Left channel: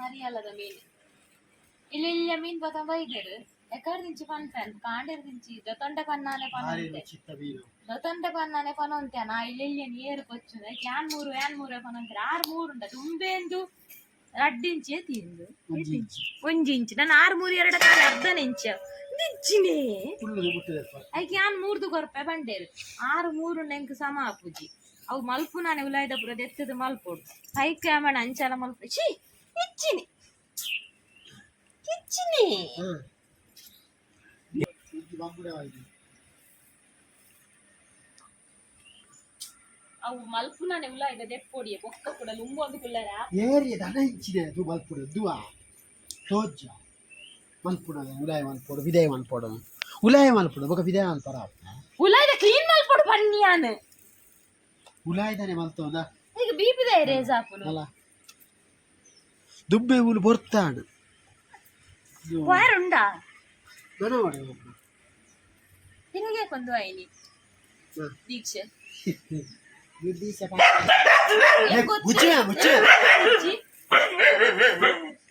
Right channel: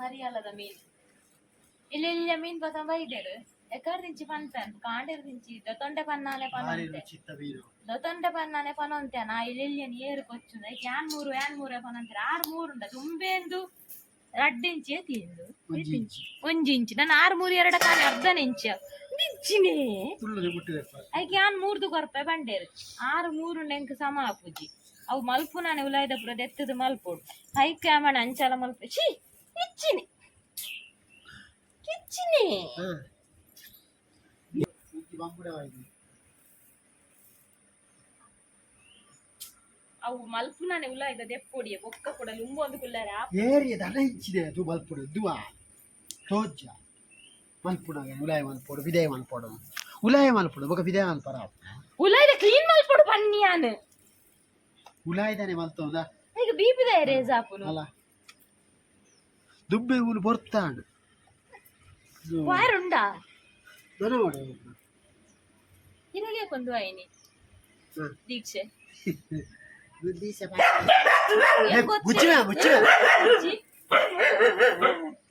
ಮರಿಯಾಲದ ಮೀನು ಇಲ್ಲಿ ಮೀನ್ ಪತ ಬೈದೇರು ಎಕರ್ ದಿಂಚಿ ಪನ್ಪೆನ್ ಕಾಂಡೇರ್ ದಿಂಚಿ ದೊತೊಂಡೆ ಪನ್ನಾನೆ ಪನೊಂತೆ ದೊತೊಂಡೆ ಪನ್ನಾನೆ ಪನೊಂತೆ ನಾ ಇಲ್ಲಿ ಏರುಕೊಚ್ಚು ಯಾನ್ ಮೂರು ಪನೊಂತೆ 6 ಉಂಡ ತುಂಬೆಂದು 2 ಇಂಚಿ ತಿಂದು ಒಂಜಿಂಚು ನಾನು 6 3 2 ಕಾಲ ಅರ್ಧ ಇಂಚ ದಿಚ್ಚಿನೇ ಐಕೆ ಯಾನ್ 3 ಕೊರ್ಪೆ ಬಂಡೇರು 6 3 ಎಂಕ್ ಸಮ ಆಪುಜಿ ಅವು ಮಲ್ಪು ನಾನೇ ಉಲಾಯ್ದ ಪುರ ದೆತ್ತದು ಮಲ್ಪೋಡು ಐಕೆ ಆಮಣ ಅಂಚಲ ಮಲ್ಪು ಛೀ ಇಚ್ಚಿನಿ ಕಿಚ್ಚಿನಿ ಅವು ಮಲ್ಪು ನಾನೇ ಉಲಾಯ್ದ ದೆಪ್ಪೊಡಿಯ ಬೊಕ್ಕ ಕೂಡ ಲುಂಬು ಒಂದು ಕುಲ್ಲರ ಏರಿಯ ದನ ಇಚ್ಚಿದೆ ಅದು ಮಲ್ಪುಡು ದುವಾ ತೋಜ್ಜ ಮಲ್ಪುಡ ಉಲಾಯ ಮಲ್ಪೋಡು ವಿದಯ ಮಲ್ಪೋಡು ಉಲಾಯ ಮಲ್ಪೋಡು ಬೊಕ್ಕ ವಿದಯ ಮಲ್ಪರ ಉಲಾಯ್ದ ಕ್ಲೀನ್ ಮಲ್ಪೋಡು ಪನ್ನಿಯಾನು ಉಲಾಯ್ದಾನೆ ಮಲ್ತೋದ ಈಗ ಬಿಪಿದ ರೇಜ್ ಆಪುನು ಅಲ್ಲ ದುಬ್ಬೆ ಉಲು ಬರ್ತಾಡು ವಾರುಂಡ ದನ ಮಾಡಿ ನಿನಗೆ ಕೊಂದು ಐನಿ ದೀಕ್ಷೆ ದೀಕ್ಷೆ ಮುಚ್ಚೆ ಮುಚ್ಚೆ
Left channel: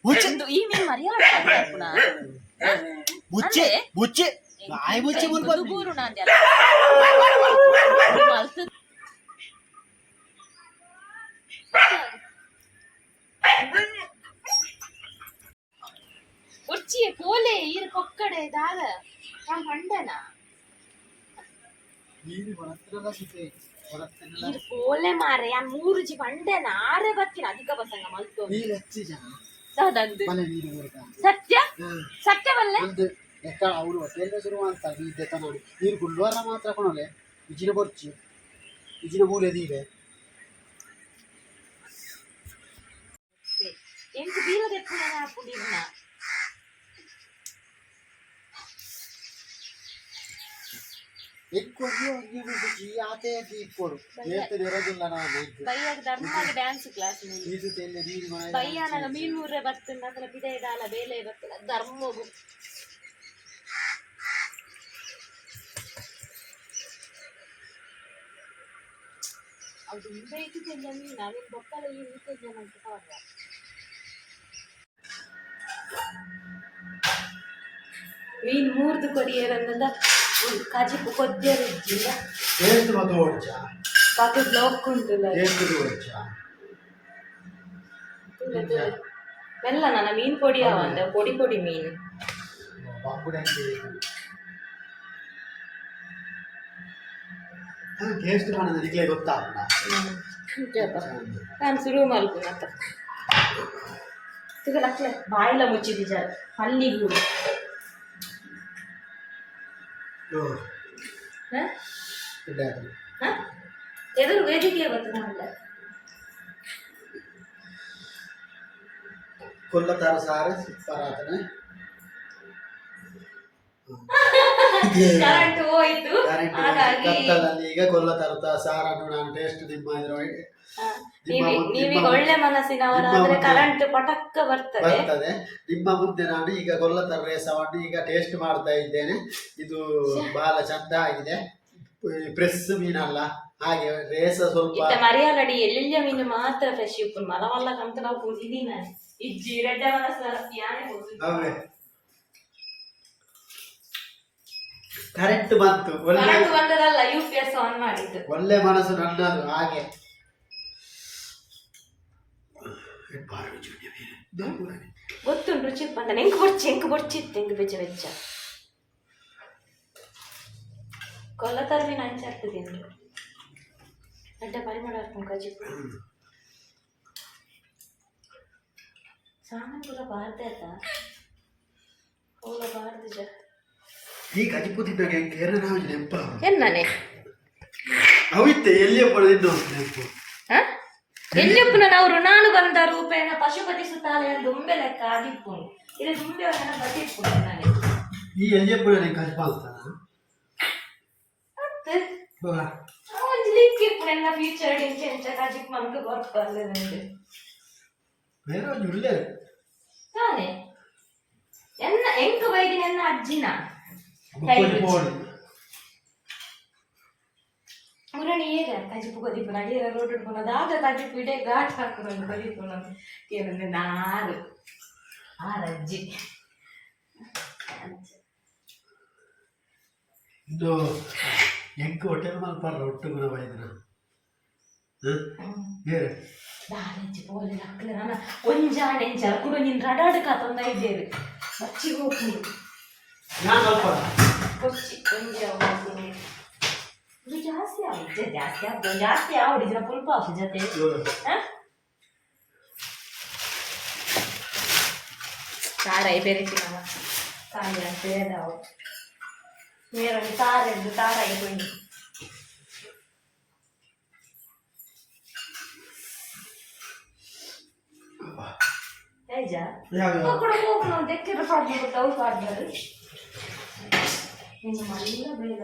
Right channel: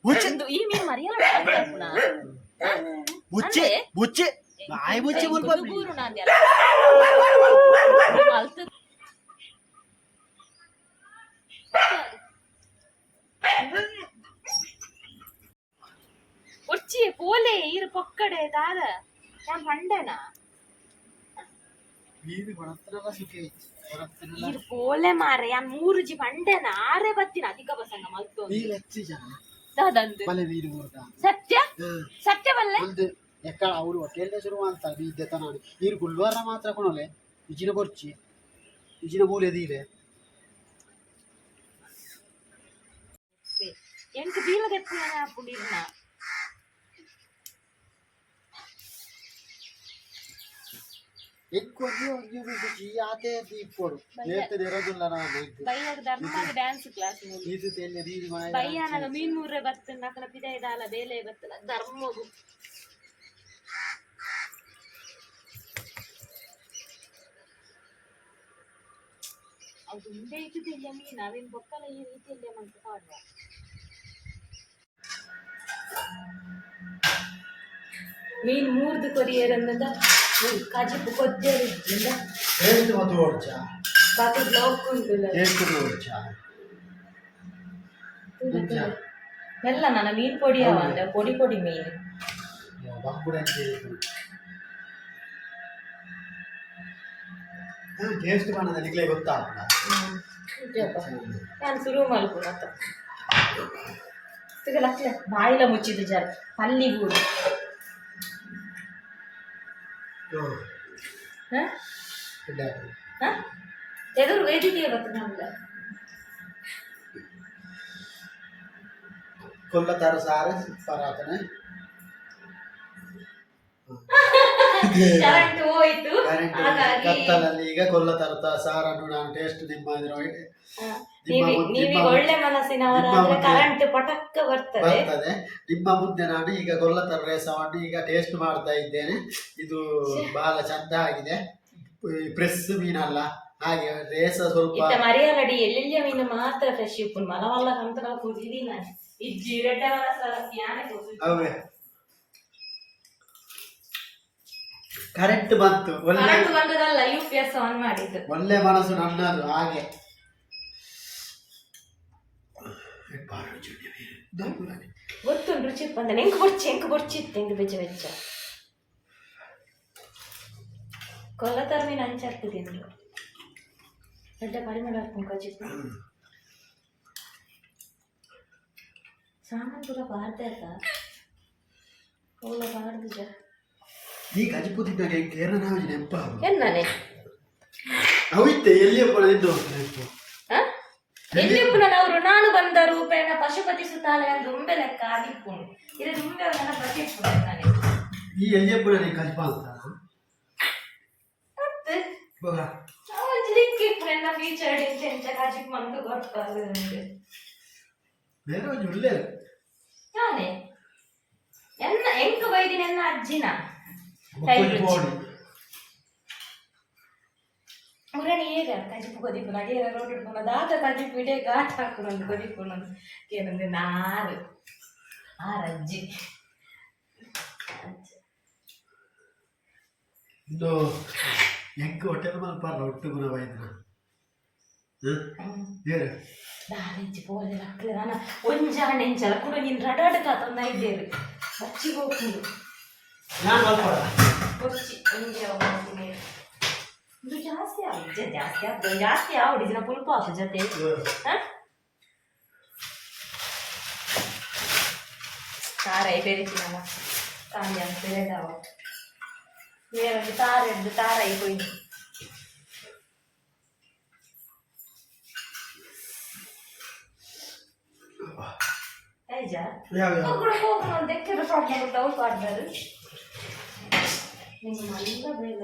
ಮುಚ್ಚೆ ಈ ಮೀನು ಮರಿಯಲ್ಲ ಮುಚ್ಚೆ ಮುಚ್ಚೆ ಬಾಯಿ ಮುಚ್ಚೆ ಮುಲ್ಪು ಗೂರು ನಾಂದ್ಯ ಉಚ್ಚಿಯೇ ಪೋಲೆ ಈರು ಕೊಕ್ಕಡೆ ದಾದ ನಾನು ಪಂಡನ ಈರು ಪೋಲೆ ಮಾರೆ ಯಾನ್ 3 ಜಿ ಪಂಡನ ಆರೆ ಬತ್ತಿನ ಅಧಿಕ ಬಸಂಗ ಮಲ್ತು ದಾದಂದು ಸತ್ಯ ಸತ್ಯ ಬಲ್ಲೆ ಎಕ್ಕಳ ಅವರು ಹೊಟ್ಟೆಲ್ಲ ಶುರು ಅಂತ ಇದ್ದೆ ನೋಡಿ ನೀರು ಗುಲ್ವಾರ ಮಾತ್ರ ಕೊಣಲೆ ಇಜಿನ ಬರ್ಚಿ ಇಜಿನ ಮೂಲೆ ದೀಲೆ ಎಂಟು ಬೀರದೆಪ್ಪು ಹಾಕೊಂಡಿರ್ನ ಆತೆ ಇಪ್ಪೋಡು ನೇರ್ತದೆ ಇರೋದಿಲ್ಲ ನಾನು ಬೈಯಾಗ ಧರ್ಮಾಗ ಡ್ಯಾನ್ಸ್ ಕ್ಲಾಸ್ ಬೈಯಾನಾಗ ಮೀನ್ ಮೂರ್ರೆ ಬರ್ತನ ಅಕಲ ಪಿದೆ ದಾಲ ಬೇಲೆ ಬರ್ತಲ್ಲ ಧರ್ಮಗು ಅದು ಮುಂದೆ ಇಟ್ಟಿದ್ದಿಲ್ಲ ಮೀನು ಅವಿನ ಬೊಕ್ಕಲ ಈ ರೀತಿಯಲ್ಲೇ ಮಂತು ಕಾಡುವ ಮೀನು 3 ಕೊರಿಯರನ್ನದ ಕಾಜಿಪ್ಪು ಕೊದ್ದಿಲ್ಲ ಟೇಸ್ಟ್ ಮತ್ತು ಓಡ್ಚ ಕಾತು ಬ್ಲಾಕ್ ಉಂಟಲ್ಲ ಟೇಸ್ಟ್ ಓಡ್ಚ ಮೆಲ್ಲ ನನ್ನ ಮೀನು ಪೊಡಿ ಅವಂದ ಪೊಡಿ ಮೀನು ಬಾಂಬುಡಂಗೆ ಟೇಸ್ಟ್ ಮಾಡೋದು ನಿಕ್ಲೆ ಗೊತ್ತಾಗಲ್ಲ ನಾನು ಶುರು ಮಲ್ಪು ಮತ್ತೆ ಸಿಗಲಕ್ಲೆ ಬಾಯಿಲ ಮುಚ್ಚಿದ್ದು ಜಾರ ಪಲ್ಲಿಗೂಡು ಎದುರು ವೇದಿಕೆ ಬರ್ತದೆ ಕೊಲ್ಲತಾರ ಸಾರ ಪರಾತನೆ ಕರೆಂಟ್ ಹೋಯ್ತು ಕತ್ತಲಲ್ಲಿ ಈಗ ಕೊಲ್ಲತಾರ ಸಾರನ್ನು ನಾನು ಟೇಸ್ಟ್ ನೀವೀಗ ಒಳ್ಳೆ ಮನಸ್ಸಿನವರಾದ್ರೆ ಕರೆಂಟ್ ಪಟಕ್ಕ ಬರ್ತದೆ ನಿಮ್ಮ ಮುಂದೆ ನಾನು ಈಗ ಕೊಲ್ಲತರ ರೇಸವನ್ನು ಈಗ ಟೇಸ್ಟ್ ಮಾಡ್ತಾ ಇದ್ದೇನೆ ಇದು ಬಹಳ ಚಂದ ಆಗಿದೆ ಫ್ರೆಶ್ ಮೀನಲ್ಲ ಹಾಗೆ ರೇಸ ಸ್ವಲ್ಪ ಮರಿಯಾಲಡಿ ಎಲ್ಲೆಲ್ಲ ಮೀನು ಮಾತ್ರ ಫ್ರೆಶ್ ಉಪ್ಪು ಮಲವಲ್ಲ ಕಂತ ನಾವು ಕೂತಿದೀನಿ ನಾನು ಇಜ್ಜಿ ರೆಡ್ಡೆ ಮನಸ್ಸರ ಯಾನೆ ಹೌದೇ ಕರೆಂಟ್ ಬಂತು ಒಳ್ಳೆ ಬಂದದಲ್ಲ UPS ಆನ್ ಮಾಡಿದ್ದು ಒಳ್ಳೆ ಮನಸ್ಸು ನನ್ನದು ಹಾಗೆ ಗೊತ್ತುಂಟು ರುಚಿ ಬಂದ ಎಂಕು ಬೊಚ್ಚಿತ್ತು ಎಂಕು ಬೆಚ್ಚ ಬೆಚ್ಚ ಕೊಲ್ಲತರ ಮೀನು ಹಂಚಾಗ್ತದೆ ಎಂದು ರೆಡ್ಡೆ ಪರಿಮಳ ಕಜಿಪ್ಪು ಸಾಮಾನು ಕೂಡ ಬಾರ್ದ ಆಯ್ತಾ ಹೋಗ ಬಾರ್ದು ಜ ಈ ಕಜಿಪುತ್ತಿದ್ದಾಗ ಕೇರಳ ನೆಂಪ ಎನ್ನನೆ ಅವಿತ್ತೆ ಎಲ್ಲಿಯಪ್ಪ ನಿಂದು ನೆಂಪು ಎಲ್ಲಿಪ್ಪನವರು ನಾನು ಬಂದ ರೂಪೇಣ ಪಶುಪತಿ ಸುತ್ತಾಲೆ ದುಂಬೆ ಲೆಕ್ಕ ಆದಿಪ್ಪುನು ಇದು ದುಂಬೆ ಬದಿಪ್ಪು ನನಗೆ ಈ ಎಲ್ಲಿಯಪ್ಪ ಕಜಿಪ ಅಂತ ಮತ್ತೆ ಒಂದು ಲಿಕ್ಕಿಪ್ಪು ಎಲ್ಲ ಫೀಚರ್ಡ್ ಇಂಚೆ ಕಜಿಪ್ ಮಂದು ಗೊತ್ತಲ್ಲ ನನಗೆ ಬೇರೆ ಒಂದು ಒಳ್ಳೆ ತಾನೆ ಎನ್ನ ಎಂಕು ವೈದಿನ ಎನ್ನ ಅಜ್ಜಿನ ಪುರಾಣಿ ಹೇಗ ಕಜಿಪು ಕೊದಿಪುನ ಏರ ರೋಡ್ ಹಿಡ್ಕೊಂಡು ದಾದ ಕಜಿಪು ಇಡೇ ಘಾಟ್ ಹಾಕೊಂಡು ಕೊದಿಪುನ ಏನಂದ್ರೆ ನಾರು ಆರಜ್ಜಿ ಇದು ಎಂಕ್ ಹೋಟೆಲ್ ಮಲ್ಪಾರ ಒಟ್ಟು ಗುಣ ಬೈದಿನ ಬೇರೆ ದಾರಜ್ಜಿ ಪೋಲೆ ಅಕ್ಕಲೆ ನಾನು ಒಂಜಾಣೆ ಎಂಚಲ ಕೂಡ ನೀನು ರಡಾಡಕ ತಂದ ಇದ್ದೇವೆ ಬಚ್ಚಿಗೆ ಹೋಗ್ತೀನಿ ನಾನು ಮಲ್ಪಾರ ಬಚ್ಚಿ ಒಂಜಿ ಹೋಗ್ತೀನಿ ಇದು ಜಾಸ್ತಿ ಆಗಿದೆ ಜಾಸ್ತಿ ಆವಡಿಜಿನ ಪುಲ್ಪ ಆಫ್ ಜೊತೆ ತಾರಾಯಿ ಬೆರಿಸಿ ನಮ್ಮ ಕಾಂಜ ಅಂತ ಹೇಳಿದಾವ ಮೇರೊಂದು ತಾರೆಂದು ತಾರಾಯಿ ಕೊಯ್ದು ಐಜಾ ಕೂಡ ಹೋಗೋಣ ತೆಕ್ಕಿರ ಪಾಡ್ನ ಕೊಟ್ಟು ಅವ್ರು ಪಾಡ್ದಾರು ನಿನ್ನ ಮಲ್ಲ ಬೇಡ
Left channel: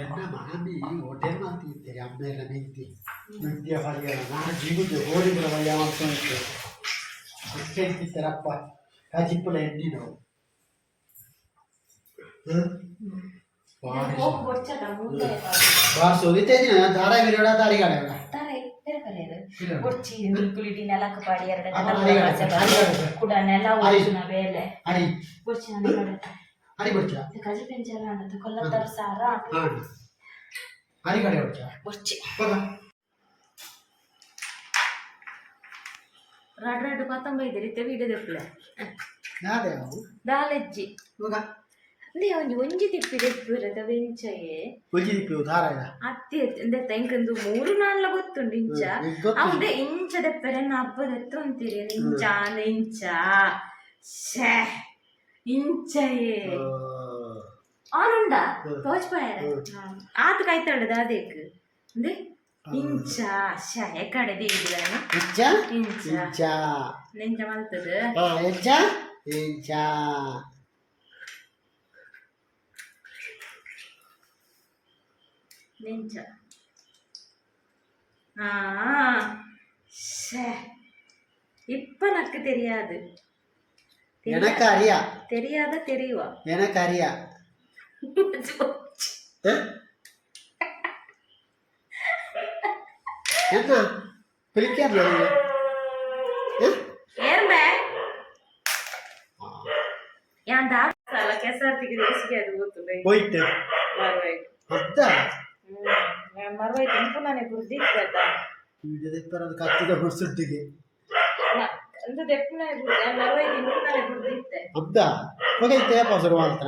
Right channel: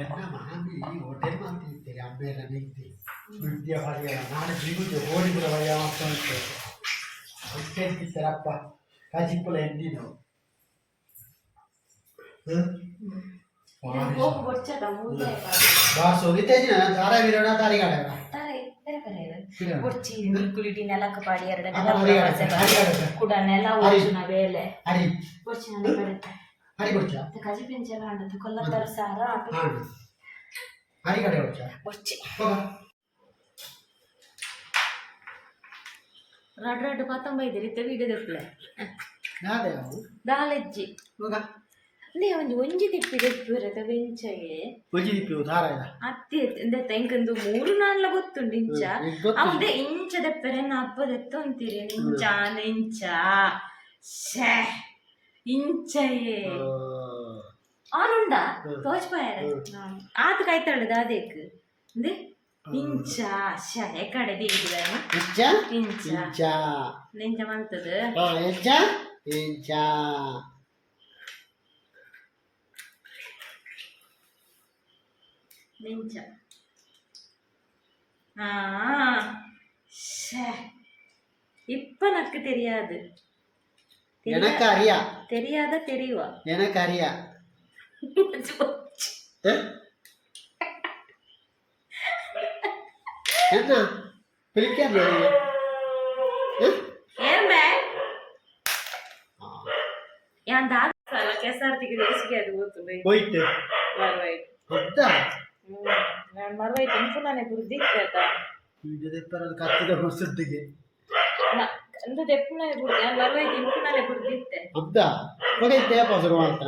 ಎನ್ನ ಮಾಮಿ ಹೋಟೆಲ್ ಮಾಡ್ತಿರ್ತೀರಿ ಅಮ್ಮೆಲ್ಲ ಮೆಂತಿ ವಿದ್ಯೆ ಹೊರಗೆಲ್ಲ ನಾನು ಜಿಗುದು ಓಡಿಬಿಡ ಹೊಯ್ಯ ಮಾಡ್ಕೊಂಡು ಹೊಟ್ಟೆಂತಿರ್ತಾರಪ್ಪ ಕಾಜಿಪ್ಪುಲ ಎಣ್ಣಿನು ಬಾರ್ಸು ಇತ್ತೇಜಿನ ಧಾರಾವಿರಿ ದಾರಿಗಾಡ ಕೊಚ್ಚಿ ಕುಲಿಟಿ ನೆಲಕ್ಕೆ ಪಾಡಿ ಎರಡು ಕೂಡ ನೆಲ ಓಡಿನ ಬೇಲೆ ಹರಿ ಕೊಚ್ಚಿ ಹರಿ ಕೊಡ್ಚ ಕಜಿ ಪೆಂಚಲ ಅಂಡದ ಕೊಲ್ಲತ್ತರ ಸಾರ ಆಟು ಹರಿ ಕಡೆ ಕೊಡ್ಚ ಕೊಚ್ಚಿ ಹೋಗ ರಡ್ ಪತ್ತೊಂಬೈದು ರೀತಿ ವಿಡಿಯೋ ತೆಪ್ಪಲೆ ನಾದೆ ಅವು ದಾಲಜ್ಜಿ ಹೋಗ ಅಲ್ಲೇ ಒಂಜಿ ತಿಪ್ಪಿ ತೆಪ್ಪಿರದ ಬೆಂಚಗೆ ಒಂಜಿ ತಿಪ್ಪಿ ದಾರ ಇಲ್ಲ ಅತ್ತಿ ಎಂದೆತ್ತ ಇಂಕಂದು 3-4 ಗೊತ್ತುಂಡು ಇಂಚ ಅವದೆ ಇಂಚ ತೆಪ್ಪರೆ ಹಬ್ಬದೆತ್ತ ಅಂತೀರಿ ಇಂಚ ಇಂಚ ಶೇ ಇಂಚಯೇ ಆನುಂಡ ತೋಚ್ಪಾಯರ ಆತ ಕಾಯ್ತಾಳದ ಅದೇಕ್ ಅಂದೆ ಇಂಚ ಶ ಎಕಡೆ ದಿಗಿದಾನ ಇಂಚ ಇಂಚ ಇಂಚ ನೆಂಚ ಮಲ್ತದ ಇಂಚ ಇಂಚ ನೆಂಚ இப்ப எனக்கு தெரியாது எனக்கு அறியா தெரியாத தெரியுவா எனக்கு அறியா என்ன பிளிக்காது ஏன் பே என் தாத்தா ಕೆಸರ್ತಿಗೆ ರೇಸಿಗೆ ಅದು ಹೋಗ್ತದೆ ಹೋಯ್ತು ಮರವಾಯ್ತು ಅದ್ದ ಮರವಾಯ್ತು ಇಂಪುನಾನೆ ಬುರ್ದಿತ್ತ ಇದು ದೆಪ್ಪರದ ಕತ್ತಿದ ಹೊಸಟ್ಟಿಗೆ ಅಂದು ದೆಪ್ಪನೆ ಬುರ್ದಿ ಮರವಾಯ್ತು ಇಂಪುನಾನೆ ಬುರ್ದಿತ್ತೆ ಅದ್ದ ಹೋಗೈತೆ ಪಸರು ಅಂತ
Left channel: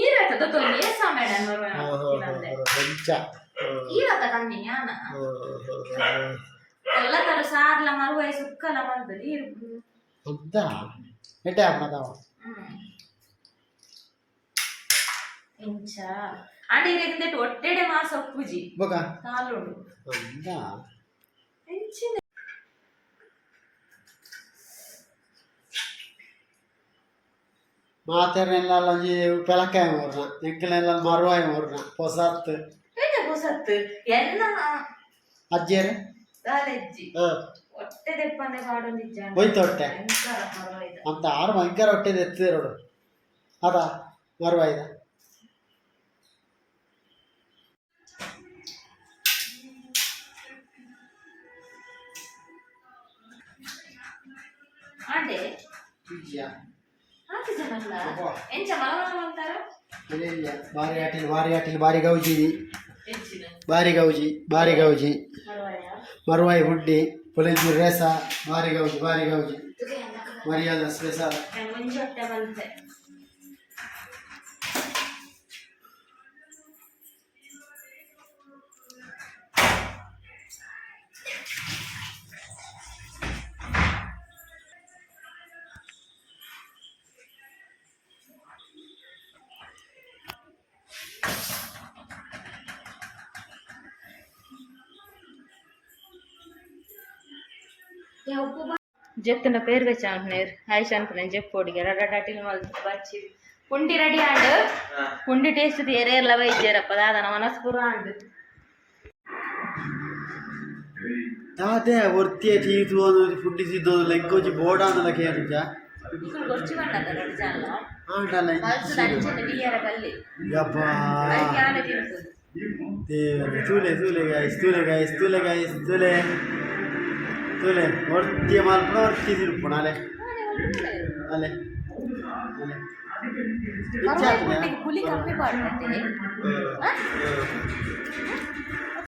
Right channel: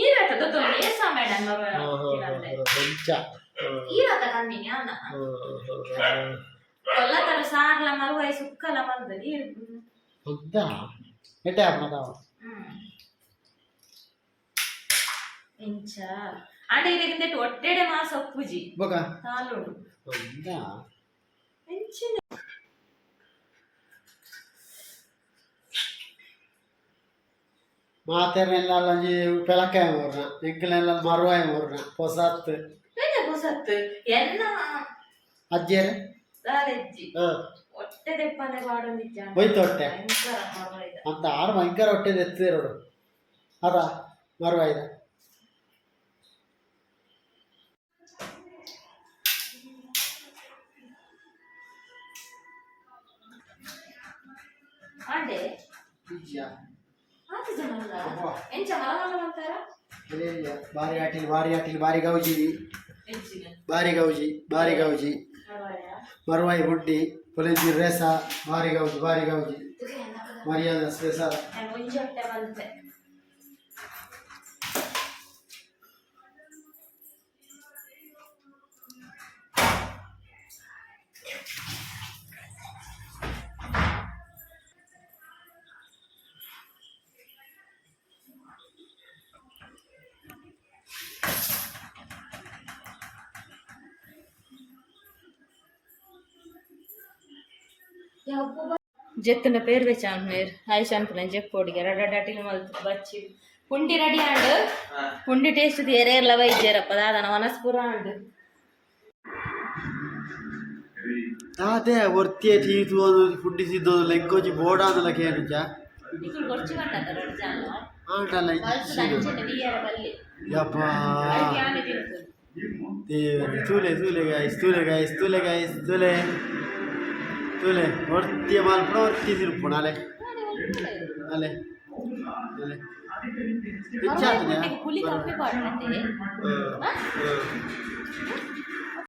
ಈರತ ದೊಡ್ಡ ಲೇಸ ಮೇಡಂ ಮರವಾಯ್ತು ಕೊಂಚ ಈರತ ಕಣ್ಣಿನ ಯಾನ ಕೊಲ್ಲತರ ಸಾರ್ಲ ಮರವಾಯಿ ಸುಕ್ಕಲ ಮಂದು ಈರು ಅದ್ದ ಎಟೆ ಆಪಣದಾವ ಇಂಚ ಆಂಡೆ ಇರಗಿಂದೆಟ್ಟು ಒಟ್ಟೆಡೆ ಮಾಸ ಒಪ್ಪುಜಿ ಬೊಕ ಕಾಲುಂಡು ಅದ್ದ ಇಂಚಿನ ಮಾತೆರ್ನೆಲ್ಲ ಒಂಜಿ ಪೆಲಕಾಯ ಮೂರ್ನ ಎಂಕಲೆಲ್ಲ ಮರುವಾಯ ಮೂರ್ನ ಪೊಸತ್ ಏನ ಹೊಸತ್ತು ಎನ್ನ ಅಜ್ಜೇರೆ ದಾಲೆಜ್ಜಿ ಹೊಟ್ಟೆ ದೆಪ್ಪನೆ ಬಾಡೊಂದಿಜ್ಜ ಹೋಯ್ತು ಹೊಟ್ಟೆ ಭಯಂಕರ ಮರವಾಯ್ದ ಅಂತ ಆರು ಭಯಂಕರ ಹೊಟ್ಟೆ ಎತ್ತಿರೋಡು ಅದ ಮರುವಾಯ್ದ ಆಂಡೆ ಆತು ಜನಲ್ಲ ಎಂಚ ಮರವಾಡ ಅಂತಾರ ಬಾರಿ ಆಟಿಲ್ ಬಾರಿ ಗೌಜಿ ಹೆಚ್ಚಿನ ಬಾರಿ ಗೌಜಿ ಮರುವಾಯಿ ಹುಡ್ಡಿ ಪೊಲೀಜಿ ರೇಸ ಬಾರಿ ಗೌಜಿ ಮರ್ಯಾದ ಸ್ಪೆಷಲ್ ಮುಂಚೆ ಹೊಟ್ಟೆ ಬಂತೆ జెత్తున పేరు వెచ్చాను నేర్ ఆయిష్ అనుకున్నాను చెప్పోడిగా రడాటిల్ మల్ బచ్చి పుండి రెడీ అండ్ పుండి టేస్ట్ ఏరేర్ల వైద్యరప్ప దాదన మనస్పుర అండ్ ಅದೇ ಒರ್ತಿಯ ಟೀತು ಅನ್ನೋದು ಫುಡ್ಡಿಸಿದ್ದು ಲೆಂಕೋಜಿ ಬೋರ್ಡ್ ಅನ್ನಲ್ಲ ಕೇಳಿಜ ఇక్కడ వచ్చి వండాలి రెండు జాన్లో ಆಂಟಲ್ಲ ಮಲ್ಸು ದಂಚನೆ ಡಿಯರ ಬಲ್ಲಿ ಯಪ್ಪ ಅದು ಯಾನೆ ತಿನ್ನುದು ದೇವರೇ ತೂಲೆ ಗೈಸ್ ತೂಲೆ ಒರ್ತಿಯ ಮಾಲ್ಪುಣ ಒರ್ತಿ ತಿರುಪುಣ ಅಲೆ ಅಲೆ ಅಲೆ ಪುಲಿ ಕಮ್ಮಿ ಪಾಡ್ನತೆ